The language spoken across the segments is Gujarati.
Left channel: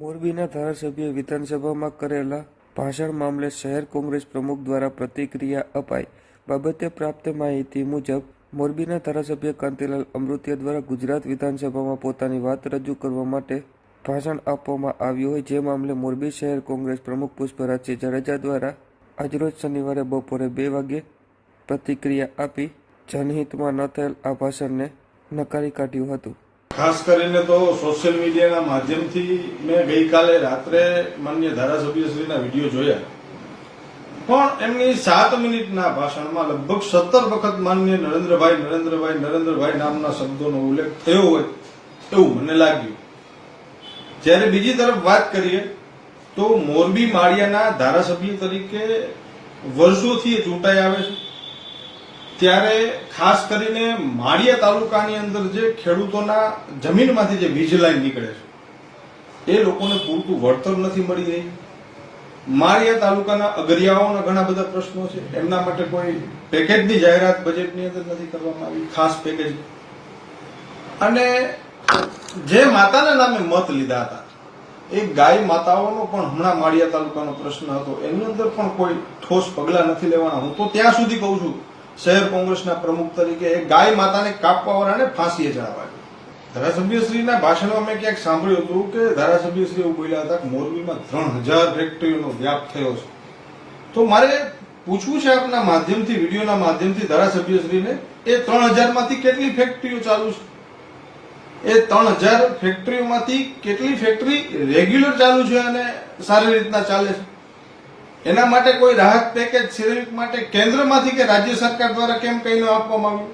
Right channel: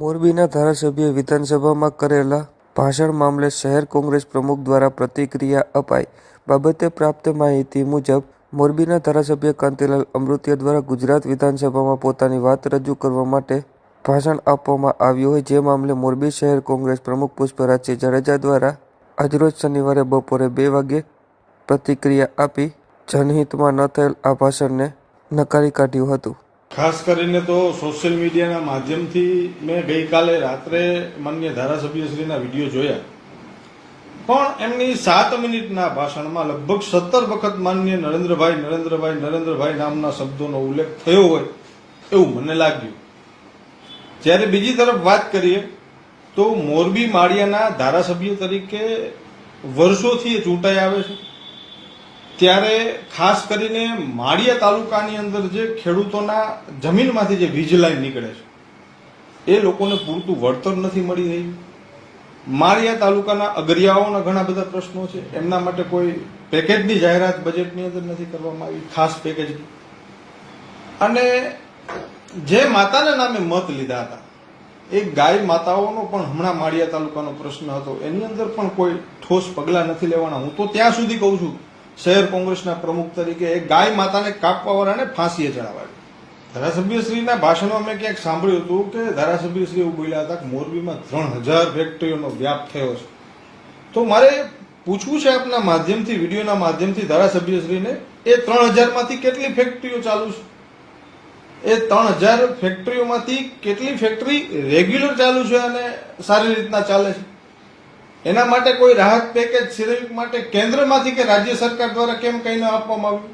મોરબીના ધારાસભ્યએ વિધાનસભામાં કરેલા ભાષણ મામલે શહેર કોંગ્રેસ પ્રમુખ દ્વારા પ્રતિક્રિયા અપાઈ. બાબતે પ્રાપ્ત માહિતી મુજબ મોરબીના ધારાસભ્ય કાંતિલાલ અમૃતિયા દ્વારા ગુજરાત વિધાનસભામાં પોતાની વાત રજૂ કરવા માટે ભાષણ આપવામાં આવ્યું હોય, જે મામલે મોરબી શહેર કોંગ્રેસ પ્રમુખ પુષ્પરાજસિંહ જાડેજા દ્વારા આજરોજ શનિવારે બપોરે 2 વાગ્યે પ્રતિક્રિયા આપી જનહિતમાં ન થયેલ આ ભાષણને નકારી કાઢ્યું હતું. ખાસ કરીને તો સોશિયલ મીડિયાના માધ્યમથી મેં ગઈકાલે રાત્રે માનનીય ધારાસભ્યશ્રીના વિડીયો જોયા, પણ એમની 7 મિનિટના ભાષણમાં લગભગ 17 વખત માનનીય નરેન્દ્રભાઈ નામના શબ્દોનો ઉલ્લેખ થયો હોય એવું મને લાગ્યું. જ્યારે બીજી તરફ વાત કરીએ તો મોરબી માળિયાના ધારાસભ્ય તરીકે વર્ષોથી ચૂંટાઈ આવે છે, ત્યારે ખાસ કરીને માળિયા તાલુકાની અંદર જે ખેડૂતોના જમીનમાંથી જે વીજ લાઈન નીકળે છે એ લોકોને પૂરતું વળતર નથી મળી રહ્યું. માળિયા તાલુકાના અગરિયાઓના ઘણા બધા પ્રશ્નો છે, એમના માટે કોઈ પેકેજની જાહેરાત બજેટની અંદર નથી કરવામાં આવી, ખાસ પેકેજ. અને જે માતાના નામે મત લીધા હતા એ ગાય માતાઓનો પણ હમણાં માળિયા તાલુકાનો પ્રશ્ન હતો, એની અંદર પણ કોઈ ઠોસ પગલા નથી લેવાના. હું તો ત્યાં સુધી કહું છું શહેર કોંગ્રેસના પ્રમુખ તરીકે એ ગાય માતાને કાપવા વાળાને ફાંસીએ ચડાવાય. ધારાસભ્યશ્રીના ભાષણમાં મેં ક્યાંક સાંભળ્યું હતું કે ધારાસભ્યશ્રી એવું બોલ્યા હતા કે મોરબીમાં 3000 ફેક્ટરીઓનો વ્યાપ થયો છે. તો મારે પૂછવું છે આપના માધ્યમથી, વિડીયોના માધ્યમથી ધારાસભ્યશ્રીને, એ 3000 માંથી કેટલી ફેક્ટરીઓ ચાલુ છે? એ 3000 ફેક્ટરીઓમાંથી કેટલી ફેક્ટરી રેગ્યુલર ચાલુ છે અને સારી રીતના ચાલે છે? એના માટે કોઈ રાહત પેકેજ સિરેમિક માટે કેન્દ્રમાંથી કે રાજ્ય સરકાર દ્વારા કેમ કંઈ ન આપવામાં આવ્યું?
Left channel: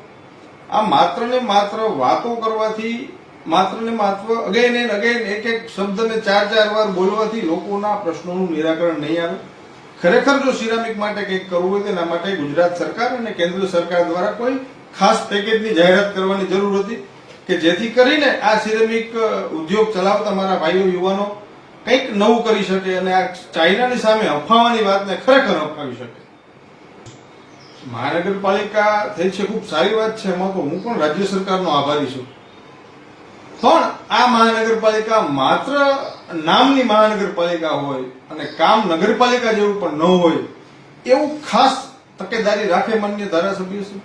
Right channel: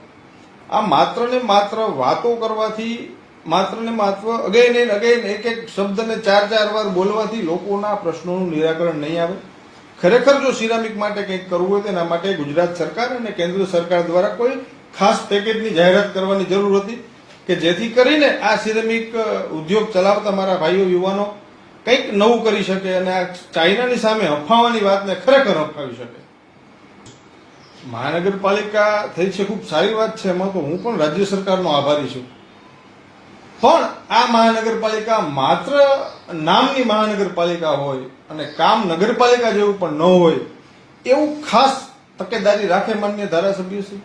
આ માત્ર ને માત્ર વાતો કરવાથી, માત્ર ને માત્ર અગેન એન્ડ અગેન એક શબ્દને 4 વાર બોલવાથી લોકોના પ્રશ્નોનું નિરાકરણ નહીં આવે. ખરેખર જો સિરામિક માટે કંઈક કરવું હોય તેના માટે ગુજરાત સરકાર અને કેન્દ્ર સરકાર દ્વારા કોઈ ખાસ પેકેજની જાહેરાત કરવાની જરૂર હતી કે જેથી કરીને આ સિરામિક ઉદ્યોગ ચલાવતા મારા ભાઈઓ યુવાનો કંઈક નવું કરી શકે અને આ ચાઇનાની સામે અફવાની વાતને ખરેખર અપનાવી શકે. મહાનગરપાલિકા થઈ છે, ખૂબ સારી વાત છે, એમાં તો હું પણ રાજ્ય સરકારનો આભારી છું. પણ આ મહાનગરપાલિકા માત્ર નામની મહાનગરપાલિકા હોય અને કામ નગરપાલિકા જેવું પણ ન હોય એવું ખાસ તકેદારી રાખે માનનીય ધારાસભ્ય છે.